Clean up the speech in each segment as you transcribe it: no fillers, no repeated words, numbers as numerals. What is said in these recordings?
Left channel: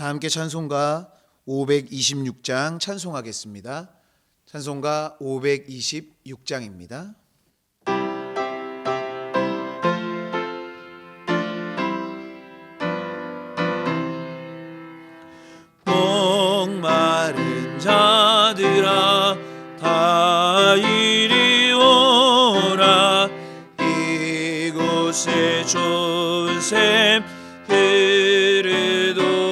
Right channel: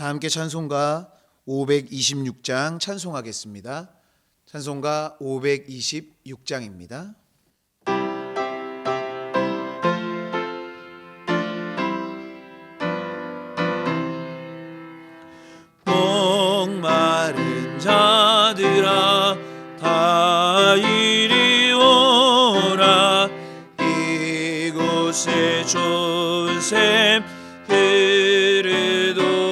다 함께 찬송가 526장 찬송하겠습니다. 찬송가 526장입니다. 목마른 자들아 다 이리 오라. 이곳에 좋은 샘 흐르도다.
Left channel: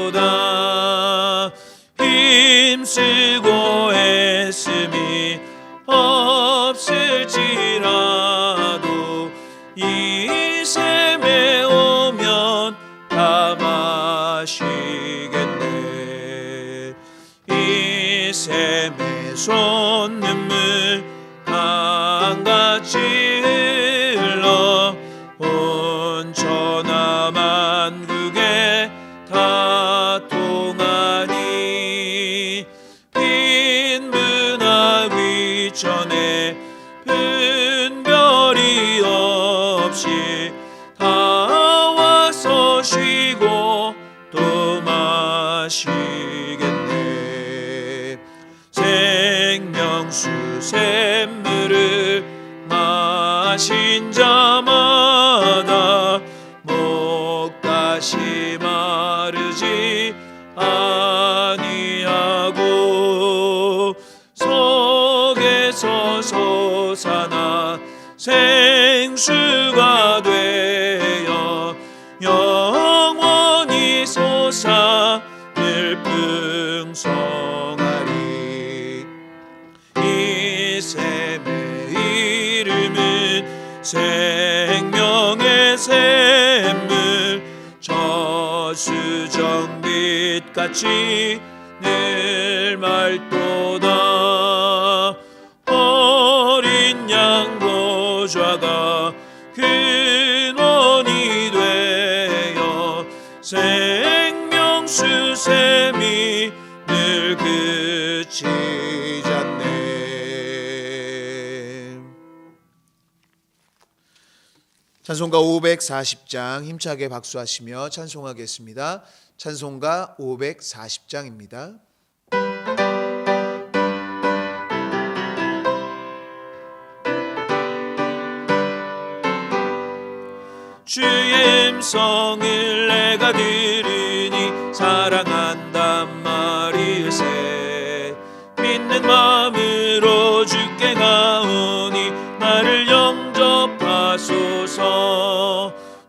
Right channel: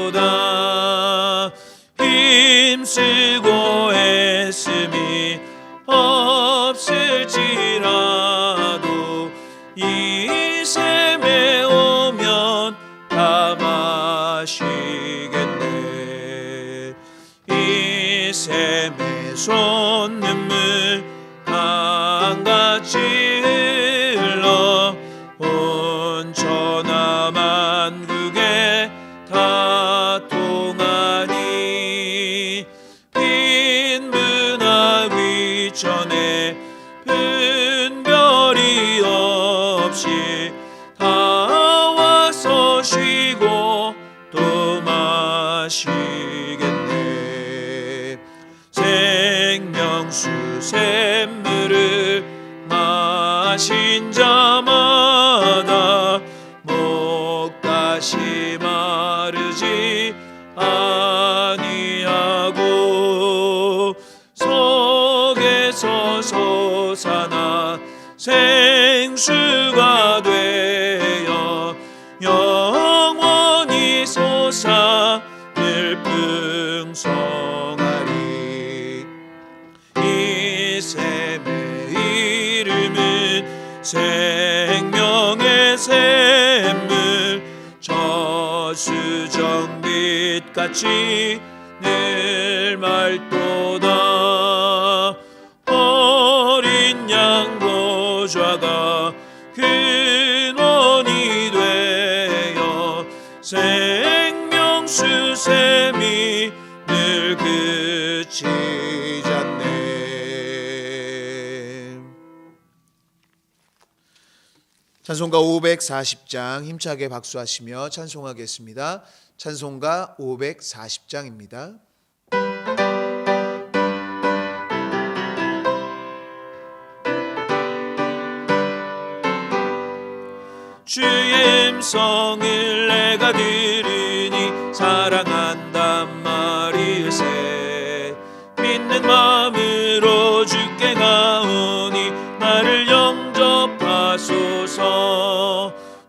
힘쓰고 애씀이 없을지라도 이 샘에 오면 다 마시겠네. 이 샘에 솟는물 강같이 흘러 온 천하 만국에 다 통하니. 빈문화 위천에 분별이 없이 다 와서 쉬고 또 마시겠네. 생명수 샘물을 마신 자마다 목다시 마르지 아니하고 속에서 솟아나 생수가 되어 영원히 솟아 늘 풍성하리. 이 샘의 이름은 생명의 샘물, 저수정빛같이 늘 맑도다. 어린 양 보좌가 근원이 되어 생명수 샘이 늘 그치지 않네. 찬송가 540장 힘차게 박수하시며 찬송하겠습니다. 찬송가 540장입니다. 주의 음성을 내가 들으니 사랑한단 말일세. 믿는 마음으로 주께 가오니 나를 영접하소서.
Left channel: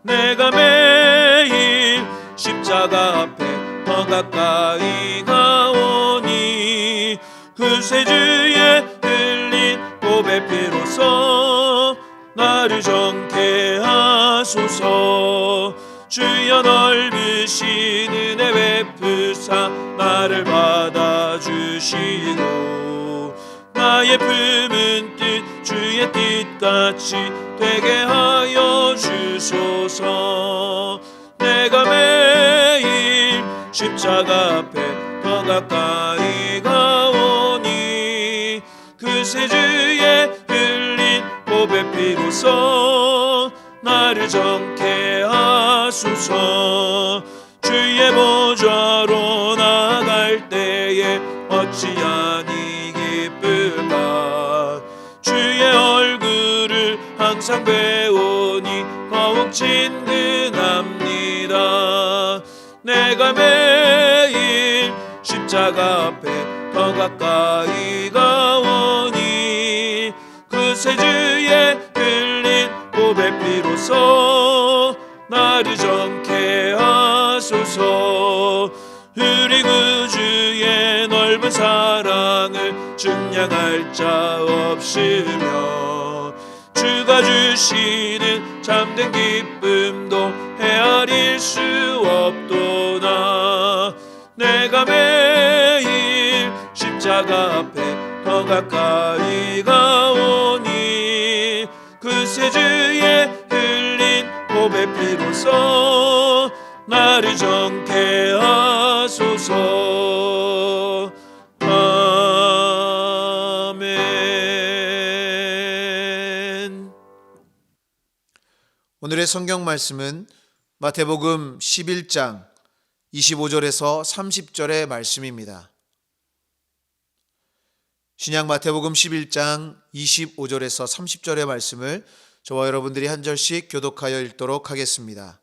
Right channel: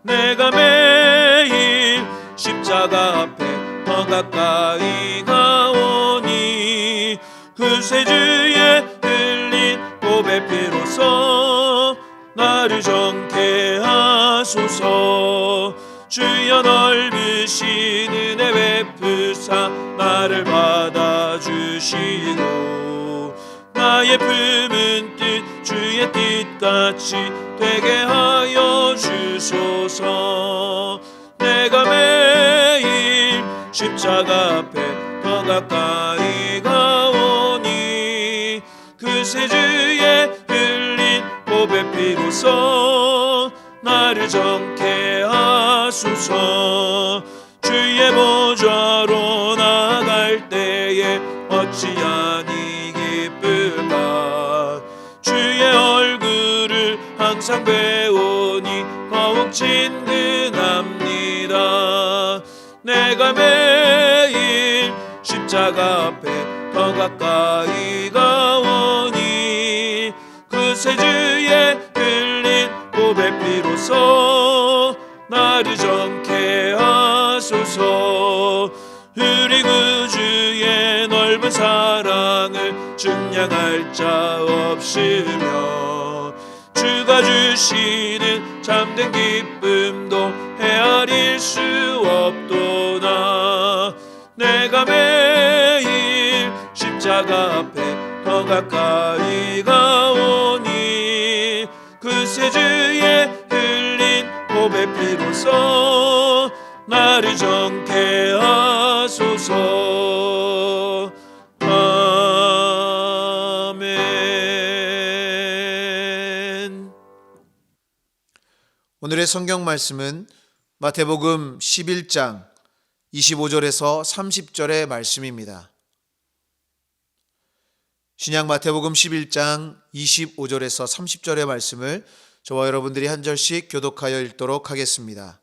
내가 매일 십자가 앞에 더 가까이 가오니 구세주의 흘린 보배 피로써 나를 정케 하소서. 주여 넓으신 은혜 베푸사 나를 받아주시고 나의 품은 뜻 주의 뜻같이 되게 하여 주소서. 내가 매일 십자가 앞에 더 가까이 가오니 구세주의 흘린 보배 피로써 나를 정케 하소서. 주의 보좌로 나갈 때에 어찌하니 기쁠까. 주의 얼굴을 항상 배우니 더욱 친근합니다. 내가 매일 십자가 앞에 더 가까이 가오니 구세주의 흘린 보배 피로써 나를 정케 하소서. 우리 구주의 넓은 사랑을 증량할 자 없으며 주가 주시는 참된 기쁨도 헤아릴 수 없도다. 내가 매일 십자가 앞에 더 가까이 가오니 구세주의 흘린 보배 피로써 나를 정케 하소서. 아멘. 오늘의 성경 말씀은 마태복음 11장 25절에서 30절의 말씀입니다. 신약 마태복음 11장 25절에서 30절의 말씀을 저와 여러분들이 한 절씩 교독하여 읽도록 하겠습니다.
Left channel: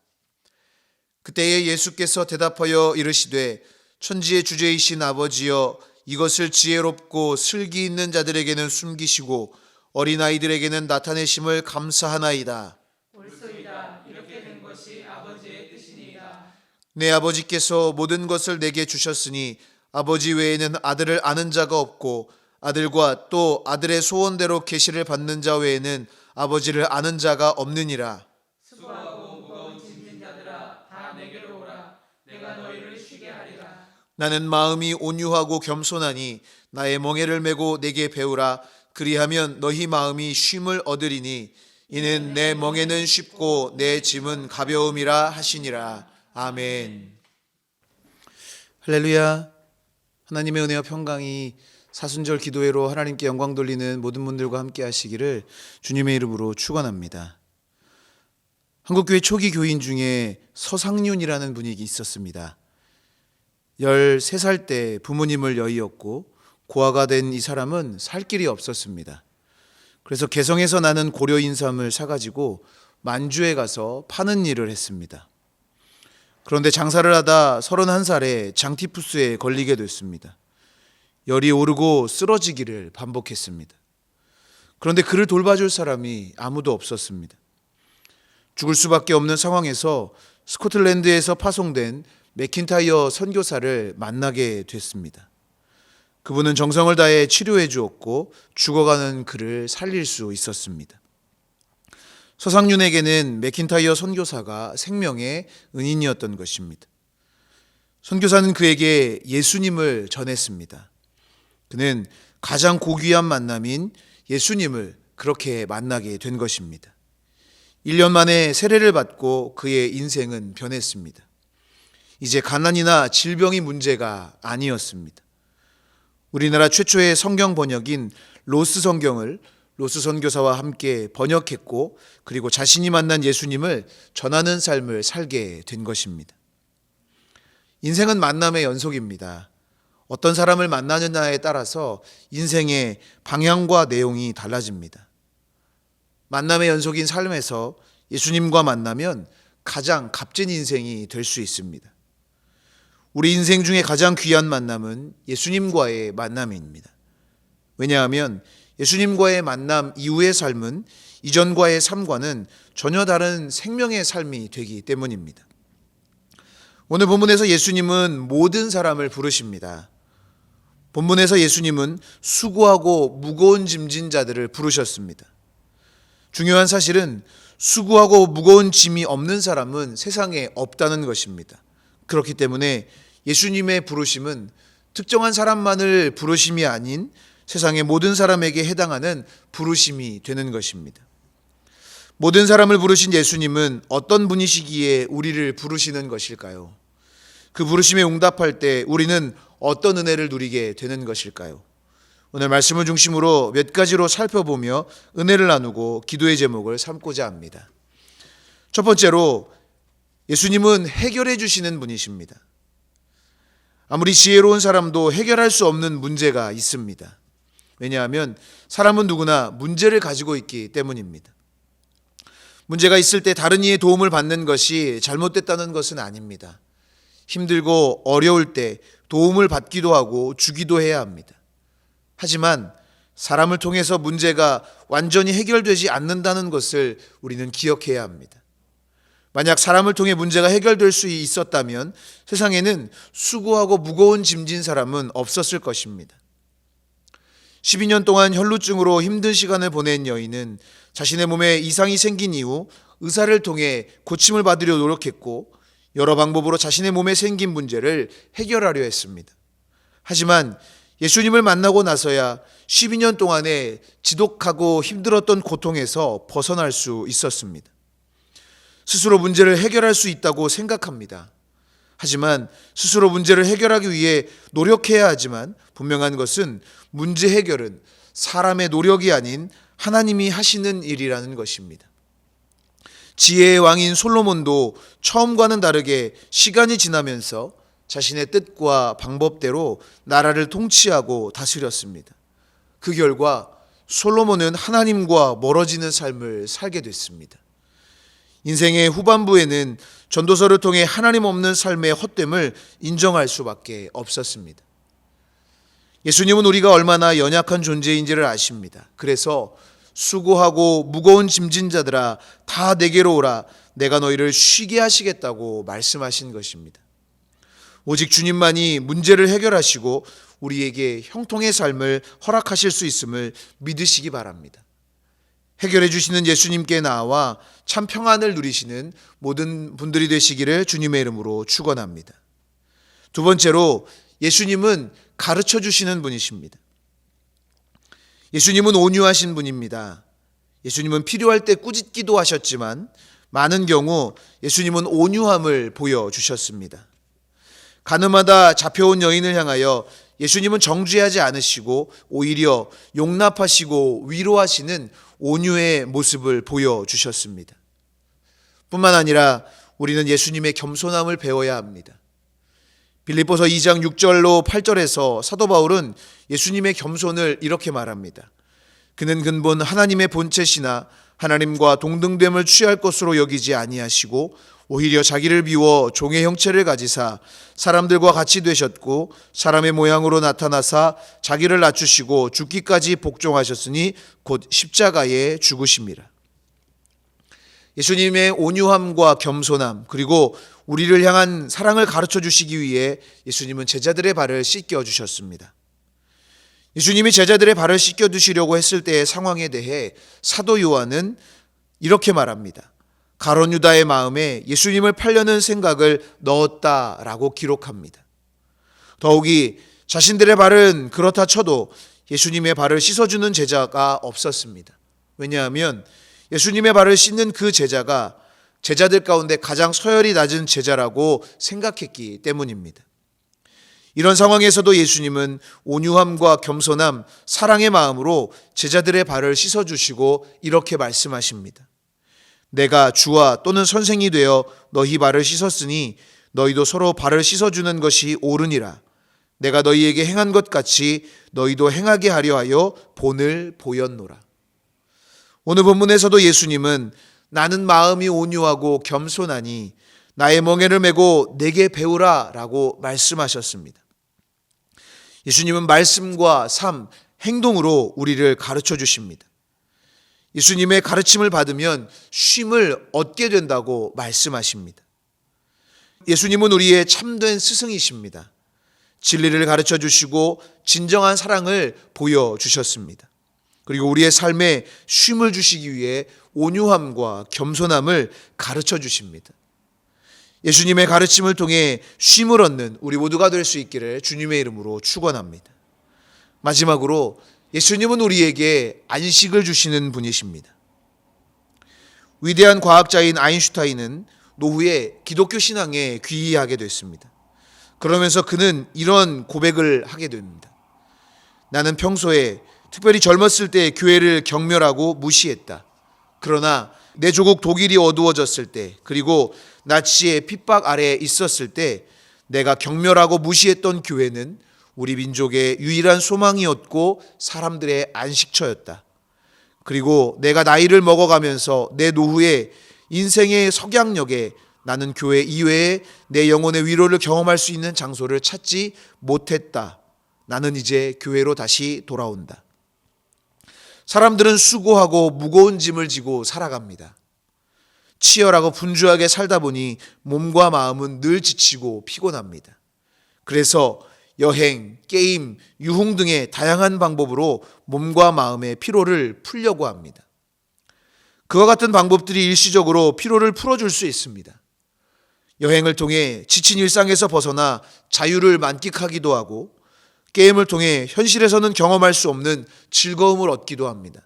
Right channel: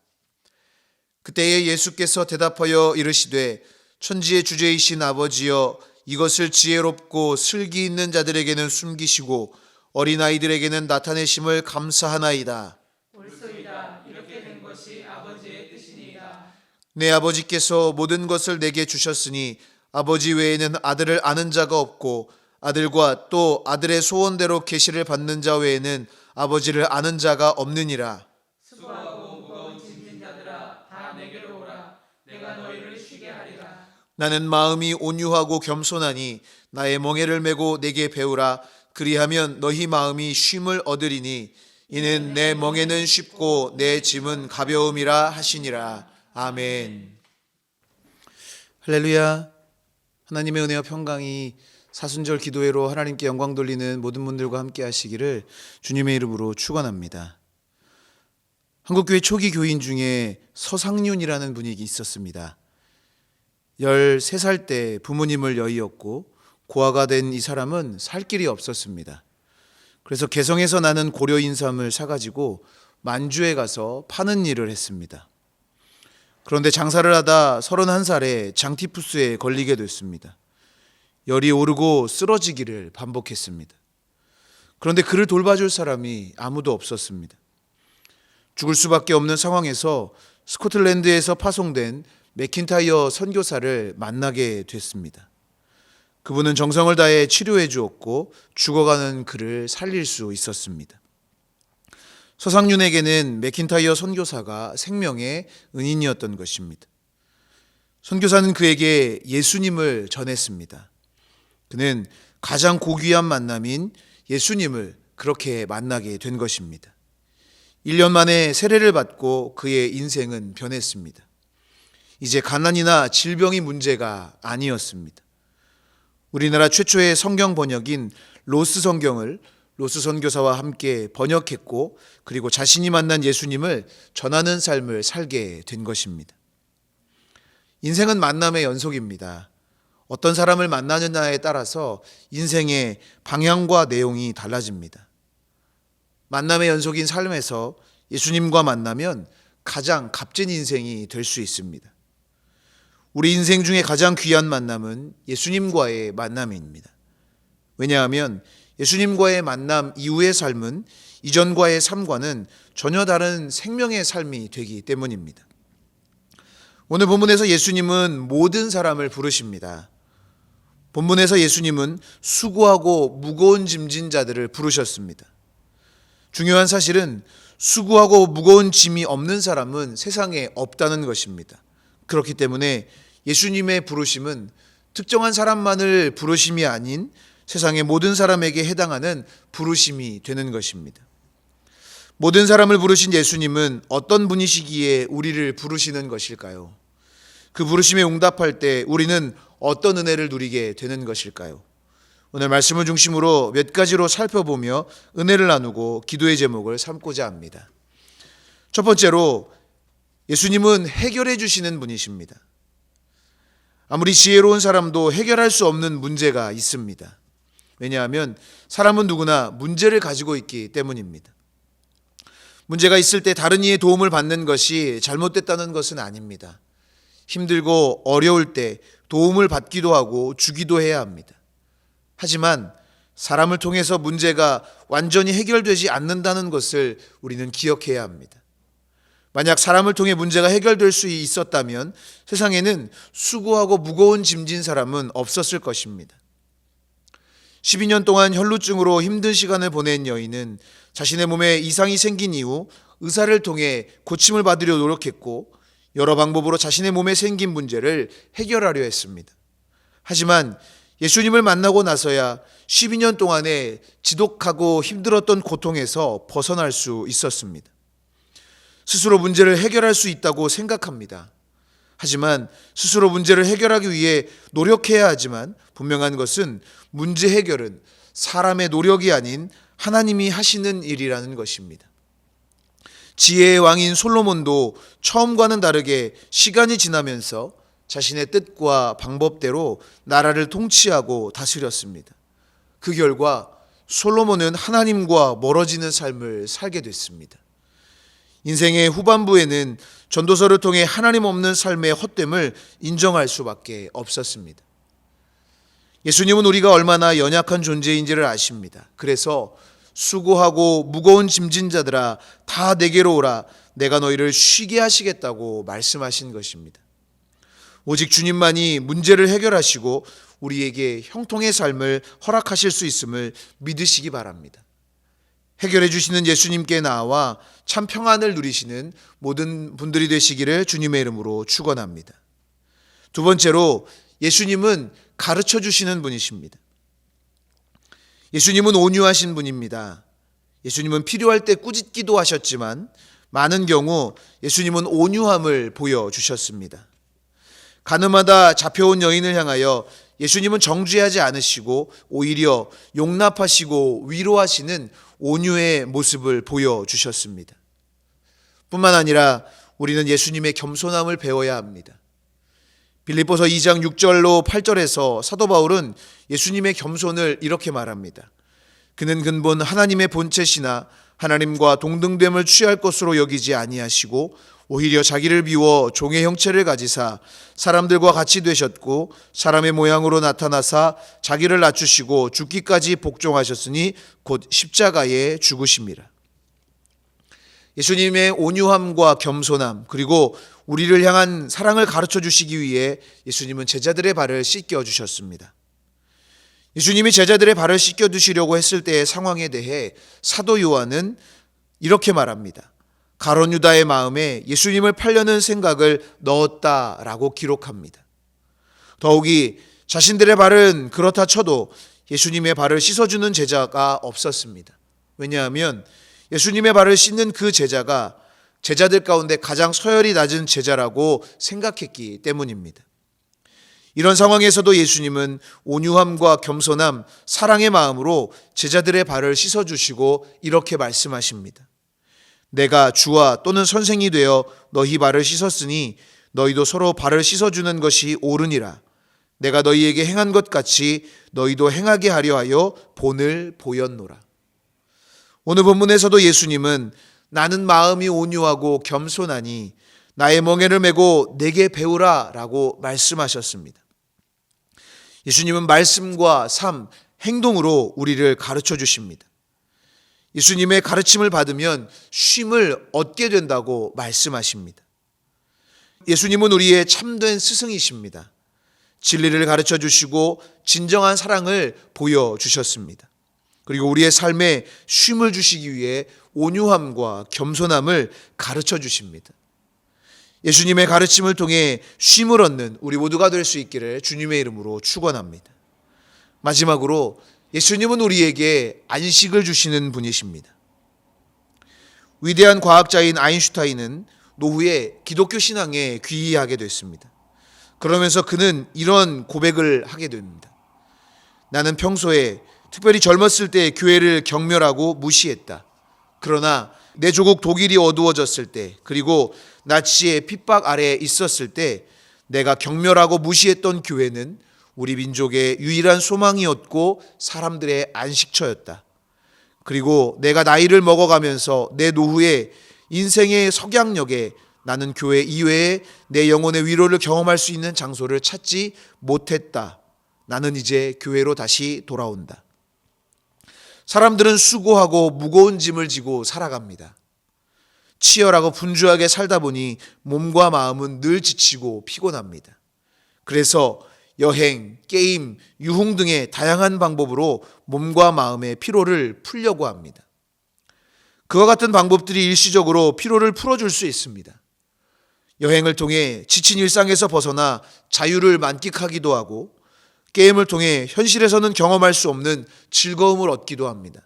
그때에 예수께서 대답하여 이르시되 천지의 주제이신 아버지여, 이것을 지혜롭고 슬기 있는 자들에게는 숨기시고 어린아이들에게는 나타내심을 감사하나이다. 옳소이다. 이렇게 된 것이 아버지의 뜻이니이다. 내 아버지께서 모든 것을 내게 주셨으니 아버지 외에는 아들을 아는 자가 없고 아들과 또 아들의 소원대로 계시를 받는 자 외에는 아버지를 아는 자가 없느니라. 수고하고 무거운 짐진 자들아, 다 내게로 오라. 내가 너희를 쉬게 하리라. 나는 마음이 온유하고 겸손하니 나의 멍에를 메고 내게 배우라. 그리하면 너희 마음이 쉼을 얻으리니 이는 내 멍에는 쉽고 내 짐은 가벼움이라 하시니라. 아멘. 할렐루야. 하나님의 은혜와 평강이 사순절 기도회로 하나님께 영광 돌리는 모든 분들과 함께 하시기를 주님의 이름으로 축원합니다. 한국교회 초기 교인 중에 서상윤이라는 분이 있었습니다. 13살 때 부모님을 여의었고 고아가 된 이 사람은 살 길이 없었습니다. 그래서 개성에서 나는 고려 인삼을 사가지고 만주에 가서 파는 일을 했습니다. 그런데 장사를 하다 31살에 장티푸스에 걸리게 됐습니다. 열이 오르고 쓰러지기를 반복했습니다. 그런데 그를 돌봐줄 사람이 아무도 없었습니다. 죽을 수밖에 없는 상황에서 스코틀랜드에서 파송된 맥킨타이어 선교사를 만나게 됐습니다. 그분은 정성을 다해 치료해 주었고 죽어가는 그를 살릴 수 있었습니다. 서상윤에게는 맥킨타이어 선교사가 생명의 은인이었던 것입니다. 선교사는 그에게 예수님을 전했습니다. 그는 가장 고귀한 만남인 예수님을 그렇게 만나게 된 것입니다. 1년 만에 세례를 받고 그의 인생은 변했습니다. 이제 가난이나 질병이 문제가 아니었습니다. 우리나라 최초의 성경 번역인 로스 성경을 로스 선교사와 함께 번역했고, 그리고 자신이 만난 예수님을 전하는 삶을 살게 된 것입니다. 인생은 만남의 연속입니다. 어떤 사람을 만나느냐에 따라서 인생의 방향과 내용이 달라집니다. 만남의 연속인 삶에서 예수님과 만나면 가장 값진 인생이 될 수 있습니다. 우리 인생 중에 가장 귀한 만남은 예수님과의 만남입니다. 왜냐하면 예수님과의 만남 이후의 삶은 이전과의 삶과는 전혀 다른 생명의 삶이 되기 때문입니다. 오늘 본문에서 예수님은 모든 사람을 부르십니다. 본문에서 예수님은 수고하고 무거운 짐진 자들을 부르셨습니다. 중요한 사실은 수고하고 무거운 짐이 없는 사람은 세상에 없다는 것입니다. 그렇기 때문에 예수님의 부르심은 특정한 사람만을 부르심이 아닌 세상의 모든 사람에게 해당하는 부르심이 되는 것입니다. 모든 사람을 부르신 예수님은 어떤 분이시기에 우리를 부르시는 것일까요? 그 부르심에 응답할 때 우리는 어떤 은혜를 누리게 되는 것일까요? 오늘 말씀을 중심으로 몇 가지로 살펴보며 은혜를 나누고 기도의 제목을 삼고자 합니다. 첫 번째로, 예수님은 해결해 주시는 분이십니다. 아무리 지혜로운 사람도 해결할 수 없는 문제가 있습니다. 왜냐하면 사람은 누구나 문제를 가지고 있기 때문입니다. 문제가 있을 때 다른 이의 도움을 받는 것이 잘못됐다는 것은 아닙니다. 힘들고 어려울 때 도움을 받기도 하고 주기도 해야 합니다. 하지만 사람을 통해서 문제가 완전히 해결되지 않는다는 것을 우리는 기억해야 합니다. 만약 사람을 통해 문제가 해결될 수 있었다면 세상에는 수고하고 무거운 짐진 사람은 없었을 것입니다. 12년 동안 혈루증으로 힘든 시간을 보낸 여인은 자신의 몸에 이상이 생긴 이후 의사를 통해 고침을 받으려 노력했고 여러 방법으로 자신의 몸에 생긴 문제를 해결하려 했습니다. 하지만 예수님을 만나고 나서야 12년 동안의 지독하고 힘들었던 고통에서 벗어날 수 있었습니다. 스스로 문제를 해결할 수 있다고 생각합니다. 하지만 스스로 문제를 해결하기 위해 노력해야 하지만 분명한 것은 문제 해결은 사람의 노력이 아닌 하나님이 하시는 일이라는 것입니다. 지혜의 왕인 솔로몬도 처음과는 다르게 시간이 지나면서 자신의 뜻과 방법대로 나라를 통치하고 다스렸습니다. 그 결과 솔로몬은 하나님과 멀어지는 삶을 살게 됐습니다. 인생의 후반부에는 전도서를 통해 하나님 없는 삶의 헛됨을 인정할 수밖에 없었습니다. 예수님은 우리가 얼마나 연약한 존재인지를 아십니다. 그래서 수고하고 무거운 짐진 자들아 다 내게로 오라, 내가 너희를 쉬게 하시겠다고 말씀하신 것입니다. 오직 주님만이 문제를 해결하시고 우리에게 형통의 삶을 허락하실 수 있음을 믿으시기 바랍니다. 해결해 주시는 예수님께 나아와 참 평안을 누리시는 모든 분들이 되시기를 주님의 이름으로 축원합니다. 두 번째로, 예수님은 가르쳐 주시는 분이십니다. 예수님은 온유하신 분입니다. 예수님은 필요할 때 꾸짖기도 하셨지만 많은 경우 예수님은 온유함을 보여주셨습니다. 가늠하다 잡혀온 여인을 향하여 예수님은 정죄하지 않으시고 오히려 용납하시고 위로하시는 온유의 모습을 보여주셨습니다. 뿐만 아니라 우리는 예수님의 겸손함을 배워야 합니다. 빌립보서 2장 6절로 8절에서 사도 바울은 예수님의 겸손을 이렇게 말합니다. 그는 근본 하나님의 본체시나 하나님과 동등됨을 취할 것으로 여기지 아니하시고 오히려 자기를 비워 종의 형체를 가지사 사람들과 같이 되셨고 사람의 모양으로 나타나사 자기를 낮추시고 죽기까지 복종하셨으니 곧 십자가에 죽으심이라. 예수님의 온유함과 겸손함, 그리고 우리를 향한 사랑을 가르쳐 주시기 위해 예수님은 제자들의 발을 씻겨 주셨습니다. 예수님이 제자들의 발을 씻겨 두시려고 했을 때의 상황에 대해 사도 요한은 이렇게 말합니다. 가룟 유다의 마음에 예수님을 팔려는 생각을 넣었다라고 기록합니다. 더욱이 자신들의 발은 그렇다 쳐도 예수님의 발을 씻어주는 제자가 없었습니다. 왜냐하면 예수님의 발을 씻는 그 제자가 제자들 가운데 가장 서열이 낮은 제자라고 생각했기 때문입니다. 이런 상황에서도 예수님은 온유함과 겸손함, 사랑의 마음으로 제자들의 발을 씻어주시고 이렇게 말씀하십니다. 내가 주와 또는 선생이 되어 너희 발을 씻었으니 너희도 서로 발을 씻어주는 것이 옳으니라. 내가 너희에게 행한 것 같이 너희도 행하게 하려 하여 본을 보였노라. 오늘 본문에서도 예수님은 나는 마음이 온유하고 겸손하니 나의 멍에를 메고 내게 배우라 라고 말씀하셨습니다. 예수님은 말씀과 삶, 행동으로 우리를 가르쳐 주십니다. 예수님의 가르침을 받으면 쉼을 얻게 된다고 말씀하십니다. 예수님은 우리의 참된 스승이십니다. 진리를 가르쳐 주시고 진정한 사랑을 보여주셨습니다. 그리고 우리의 삶에 쉼을 주시기 위해 온유함과 겸손함을 가르쳐 주십니다. 예수님의 가르침을 통해 쉼을 얻는 우리 모두가 될 수 있기를 주님의 이름으로 축원합니다. 마지막으로 예수님은 우리에게 안식을 주시는 분이십니다. 위대한 과학자인 아인슈타인은 노후에 기독교 신앙에 귀의하게 됐습니다. 그러면서 그는 이런 고백을 하게 됩니다. 나는 평소에 특별히 젊었을 때 교회를 경멸하고 무시했다. 그러나 내 조국 독일이 어두워졌을 때, 그리고 나치의 핍박 아래에 있었을 때 내가 경멸하고 무시했던 교회는 우리 민족의 유일한 소망이었고 사람들의 안식처였다. 그리고 내가 나이를 먹어가면서 내 노후에 인생의 석양역에 나는 교회 이외에 내 영혼의 위로를 경험할 수 있는 장소를 찾지 못했다. 나는 이제 교회로 다시 돌아온다. 사람들은 수고하고 무거운 짐을 지고 살아갑니다. 치열하고 분주하게 살다 보니 몸과 마음은 늘 지치고 피곤합니다. 그래서 여행, 게임, 유흥 등의 다양한 방법으로 몸과 마음의 피로를 풀려고 합니다. 그와 같은 방법들이 일시적으로 피로를 풀어줄 수 있습니다. 여행을 통해 지친 일상에서 벗어나 자유를 만끽하기도 하고, 게임을 통해 현실에서는 경험할 수 없는 즐거움을 얻기도 합니다.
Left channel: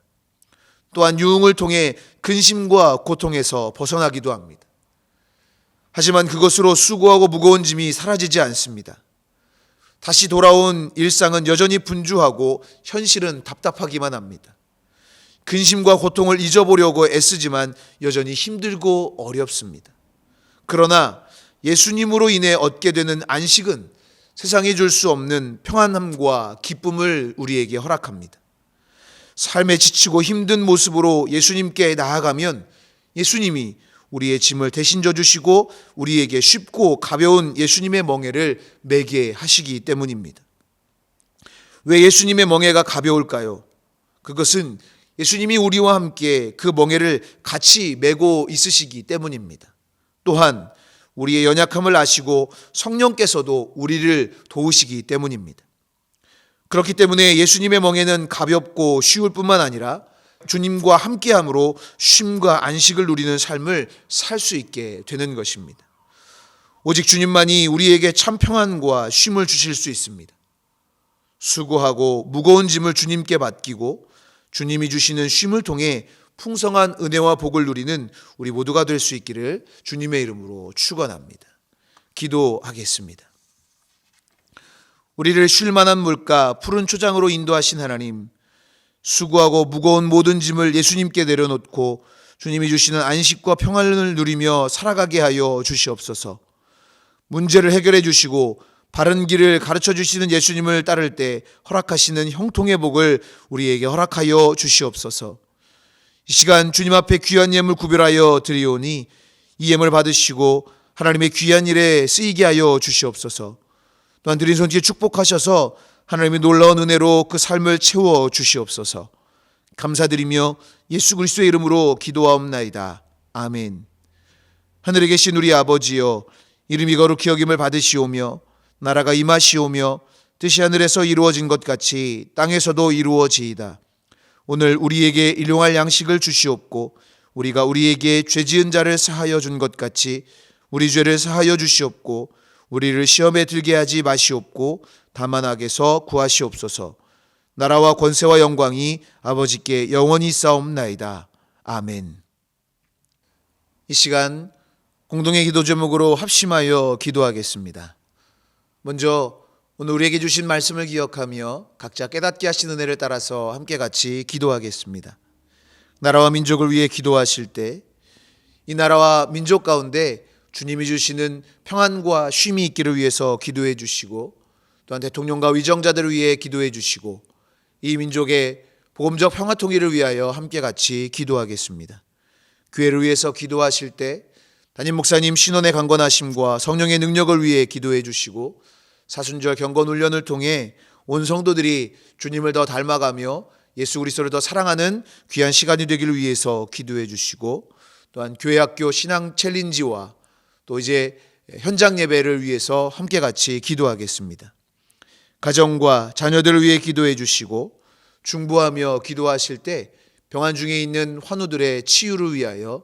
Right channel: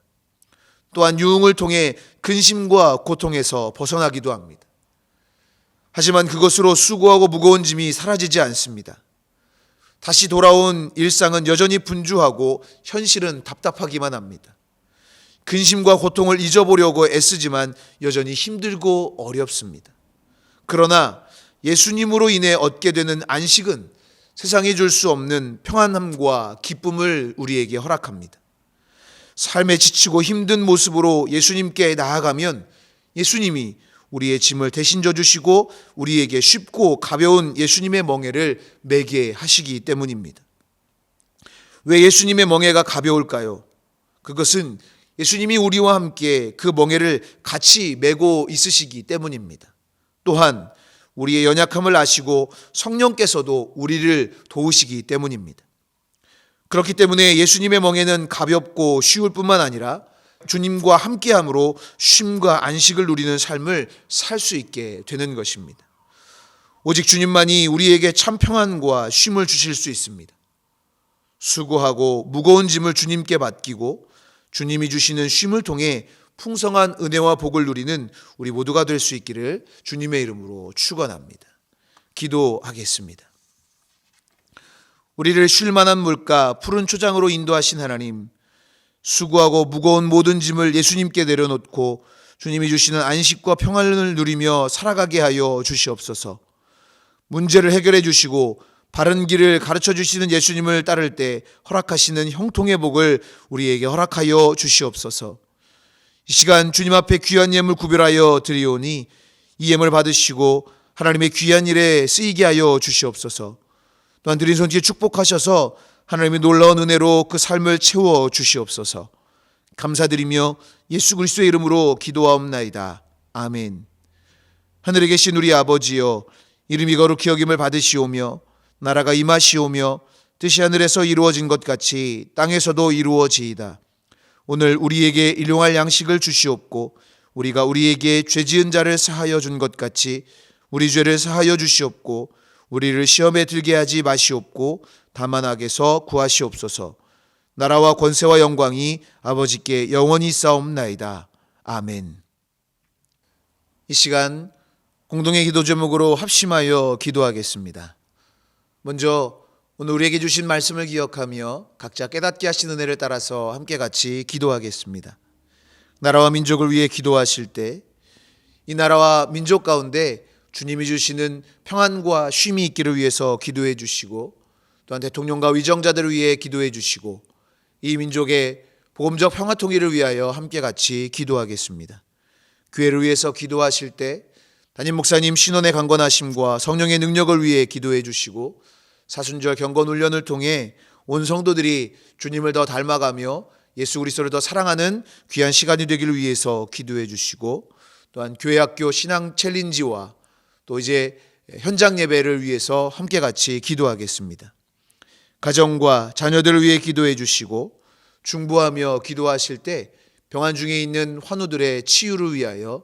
또한 유흥을 통해 근심과 고통에서 벗어나기도 합니다. 하지만 그것으로 수고하고 무거운 짐이 사라지지 않습니다. 다시 돌아온 일상은 여전히 분주하고 현실은 답답하기만 합니다. 근심과 고통을 잊어보려고 애쓰지만 여전히 힘들고 어렵습니다. 그러나 예수님으로 인해 얻게 되는 안식은 세상이 줄 수 없는 평안함과 기쁨을 우리에게 허락합니다. 삶에 지치고 힘든 모습으로 예수님께 나아가면 예수님이 우리의 짐을 대신 져주시고 우리에게 쉽고 가벼운 예수님의 멍에를 매게 하시기 때문입니다. 왜 예수님의 멍에가 가벼울까요? 그것은 예수님이 우리와 함께 그 멍에를 같이 메고 있으시기 때문입니다. 또한 우리의 연약함을 아시고 성령께서도 우리를 도우시기 때문입니다. 그렇기 때문에 예수님의 멍에는 가볍고 쉬울 뿐만 아니라 주님과 함께함으로 쉼과 안식을 누리는 삶을 살 수 있게 되는 것입니다. 오직 주님만이 우리에게 참 평안과 쉼을 주실 수 있습니다. 수고하고 무거운 짐을 주님께 맡기고 주님이 주시는 쉼을 통해 풍성한 은혜와 복을 누리는 우리 모두가 될 수 있기를 주님의 이름으로 축원합니다. 기도하겠습니다. 우리를 쉴 만한 물가 푸른 초장으로 인도하신 하나님, 수고하고 무거운 모든 짐을 예수님께 내려놓고 주님이 주시는 안식과 평안을 누리며 살아가게 하여 주시옵소서. 문제를 해결해 주시고 바른 길을 가르쳐 주시는 예수님을 따를 때 허락하시는 형통의 복을 우리에게 허락하여 주시옵소서. 이 시간 주님 앞에 귀한 예물 구별하여 드리오니 이 예물 받으시고 하나님의 귀한 일에 쓰이게 하여 주시옵소서. 또한 드린 손길에 축복하셔서 하나님의 놀라운 은혜로 그 삶을 채워 주시옵소서. 감사드리며 예수 그리스도의 이름으로 기도하옵나이다. 아멘. 하늘에 계신 우리 아버지여, 이름이 거룩히 여김을 받으시오며 나라가 임하시오며 뜻이 하늘에서 이루어진 것 같이 땅에서도 이루어지이다. 오늘 우리에게 일용할 양식을 주시옵고 우리가 우리에게 죄 지은 자를 사하여 준 것 같이 우리 죄를 사하여 주시옵고 우리를 시험에 들게 하지 마시옵고 다만 악에서 구하시옵소서. 나라와 권세와 영광이 아버지께 영원히 싸움나이다. 아멘. 이 시간 공동의 기도 제목으로 합심하여 기도하겠습니다. 먼저 오늘 우리에게 주신 말씀을 기억하며 각자 깨닫게 하신 은혜를 따라서 함께 같이 기도하겠습니다. 나라와 민족을 위해 기도하실 때 이 나라와 민족 가운데 주님이 주시는 평안과 쉼이 있기를 위해서 기도해 주시고 또한 대통령과 위정자들을 위해 기도해 주시고 이 민족의 복음적 평화 통일을 위하여 함께 같이 기도하겠습니다. 교회를 위해서 기도하실 때 담임 목사님 신원의 강건하심과 성령의 능력을 위해 기도해 주시고 사순절 경건 훈련을 통해 온 성도들이 주님을 더 닮아가며 예수 그리스도를 더 사랑하는 귀한 시간이 되기를 위해서 기도해 주시고 또한 교회학교 신앙 챌린지와 또 이제 현장 예배를 위해서 함께 같이 기도하겠습니다. 가정과 자녀들을 위해 기도해 주시고 중보하며 기도하실 때 병환 중에 있는 환우들의 치유를 위하여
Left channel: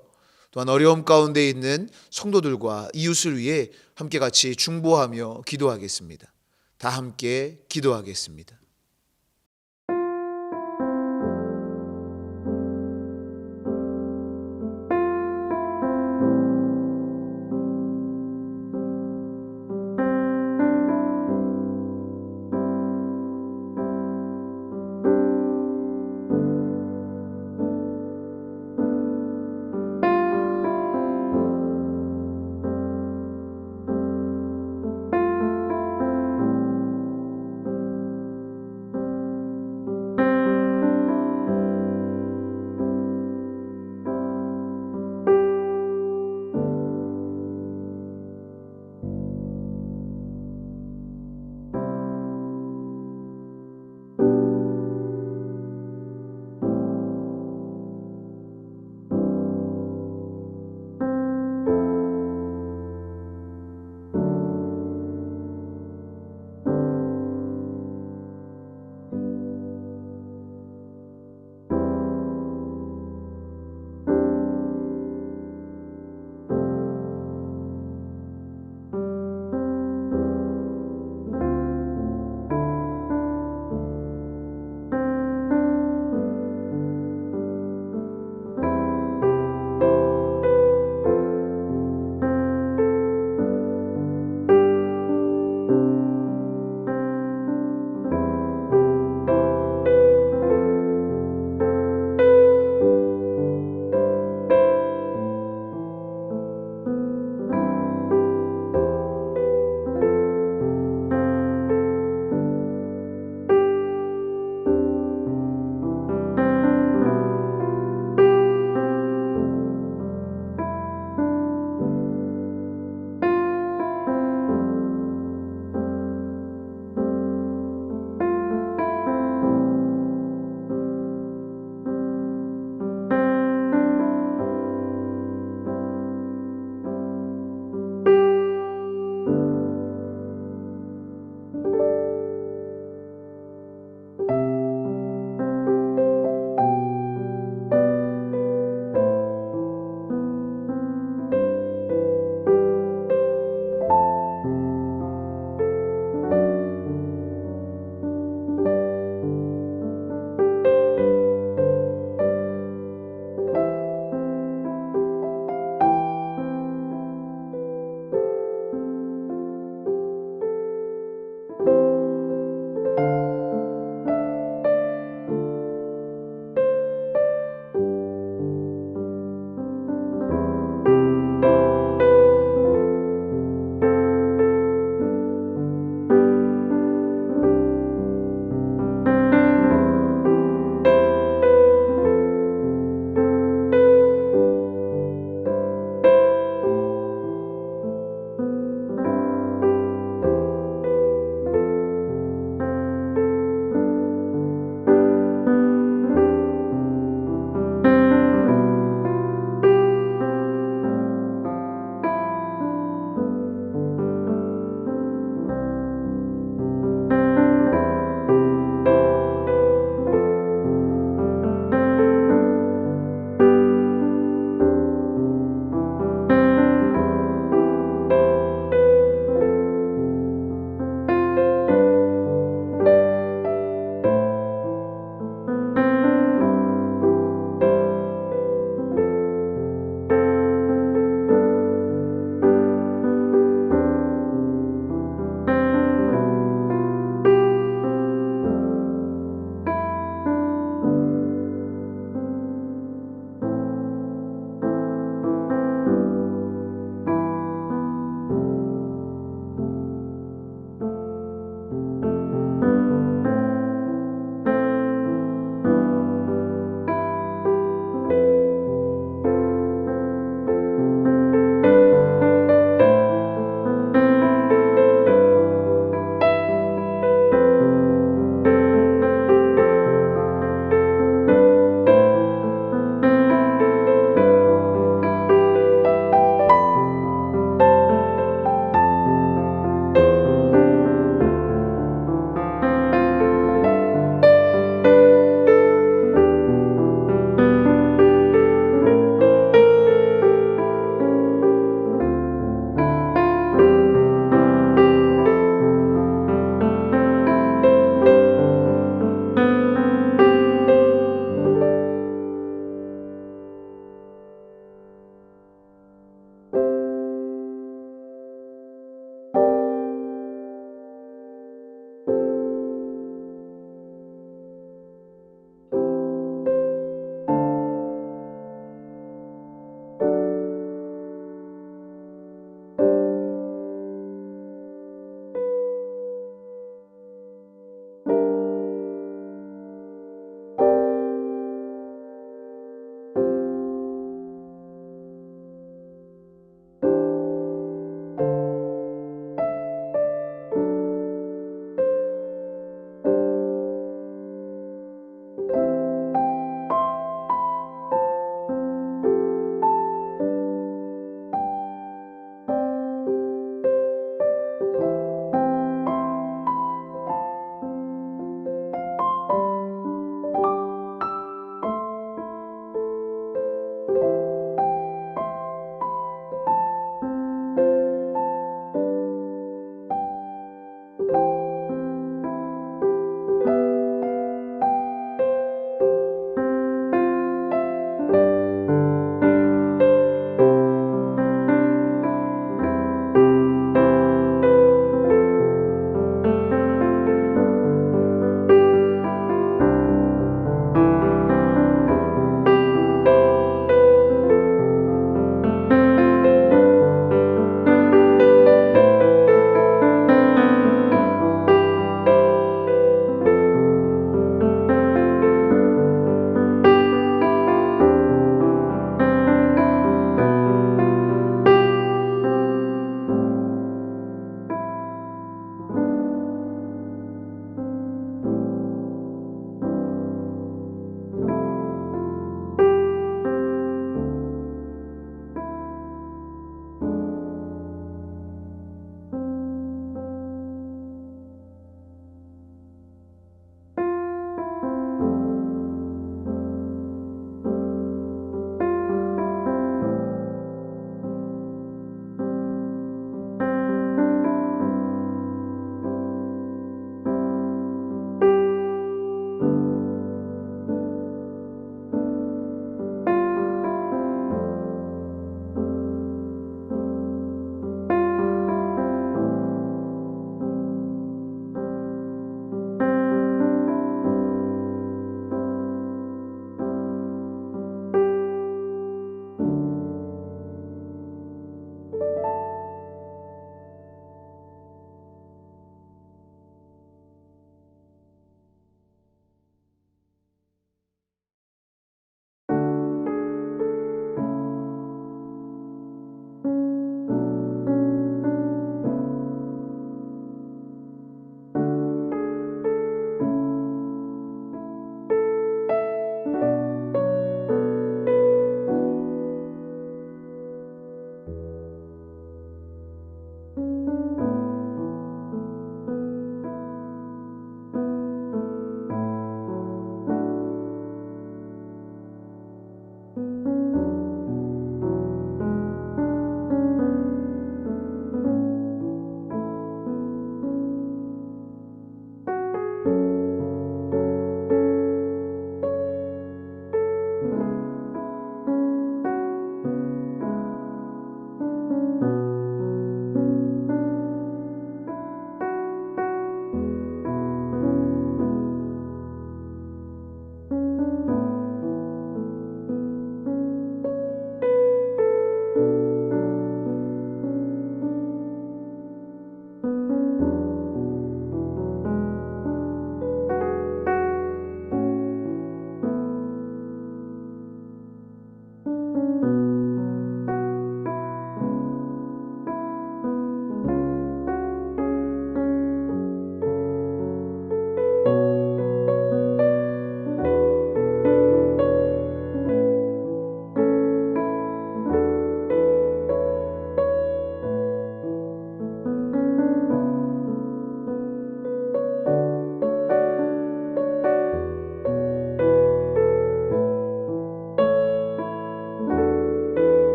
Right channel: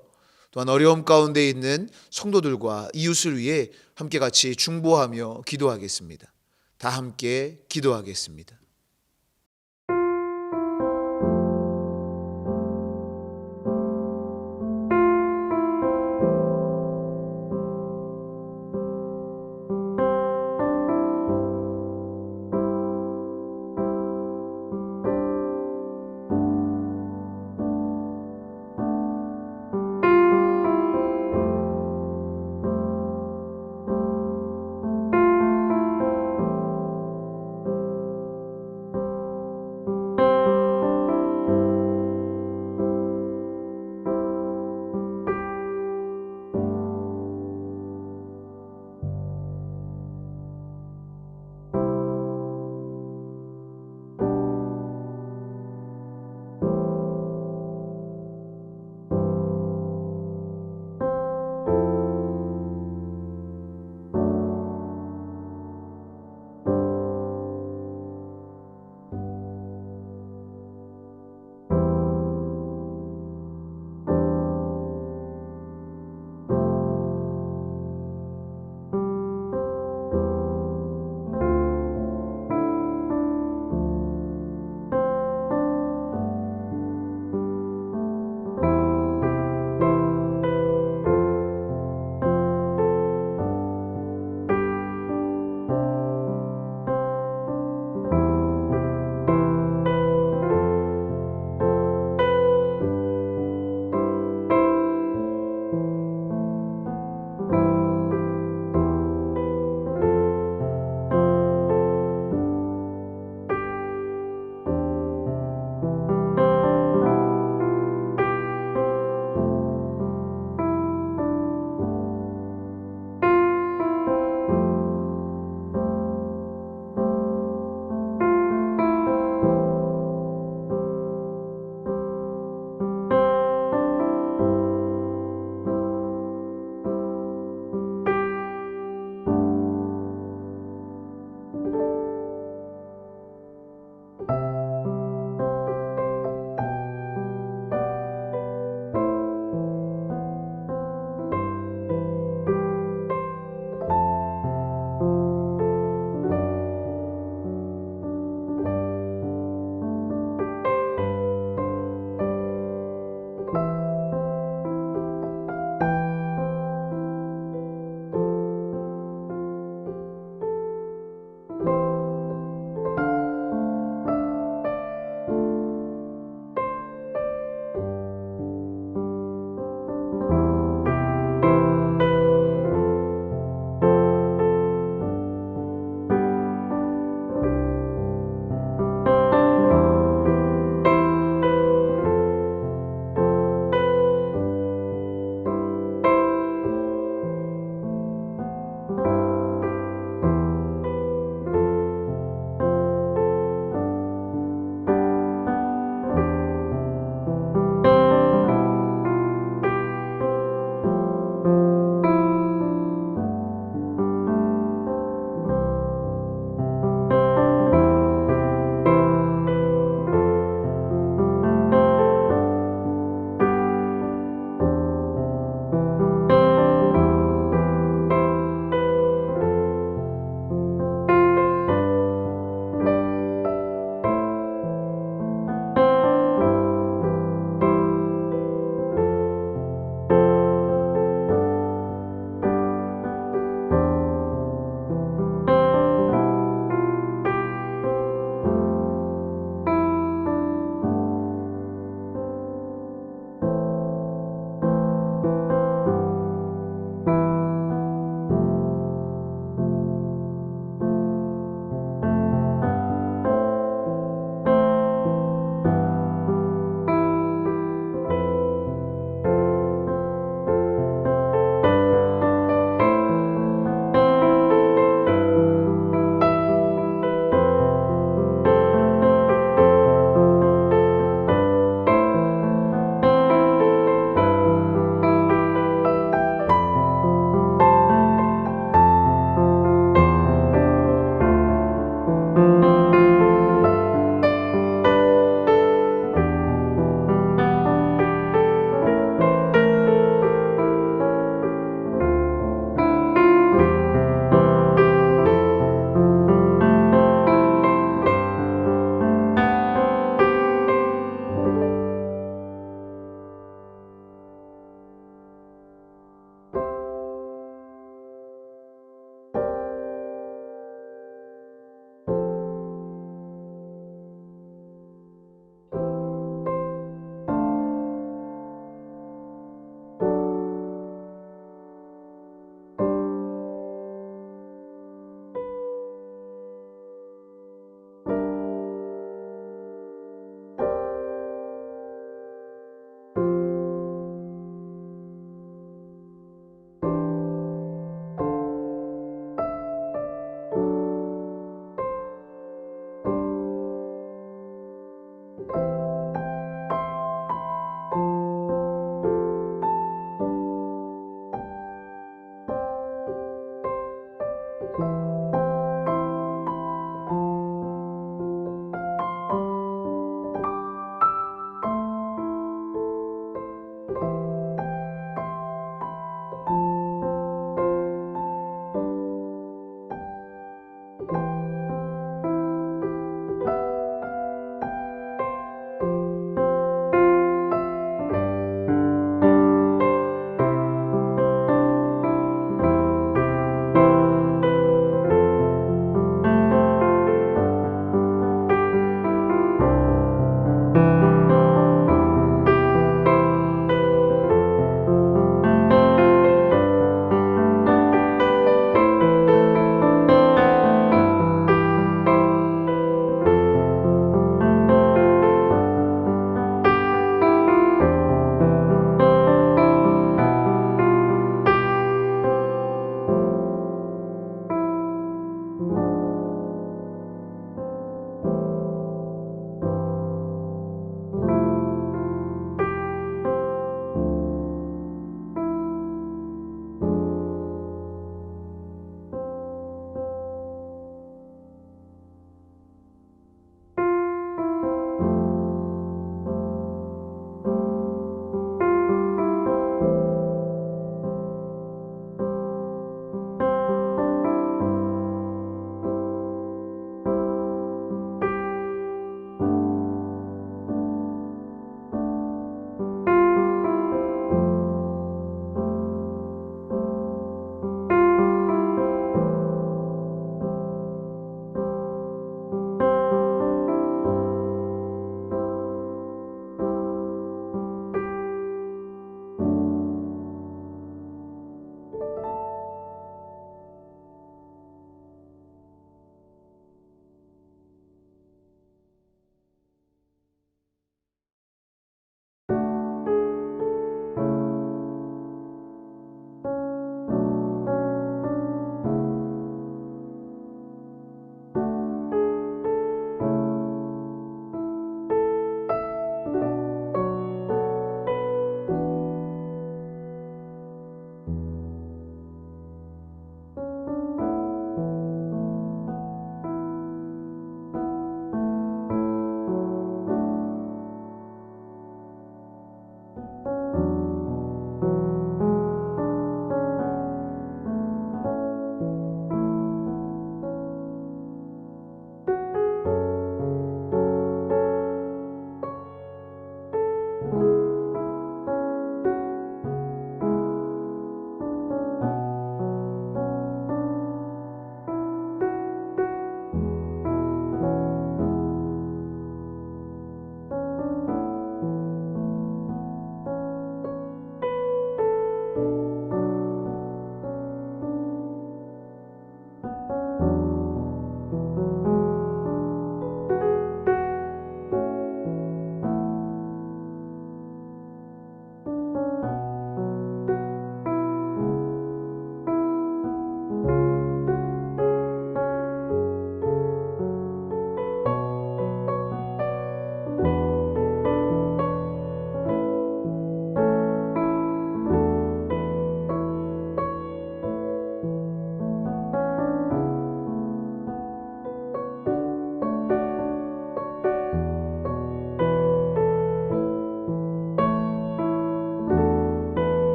또한 어려움 가운데 있는 성도들과 이웃을 위해 함께 같이 중보하며 기도하겠습니다. 다 함께 기도하겠습니다.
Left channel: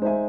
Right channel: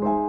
아멘.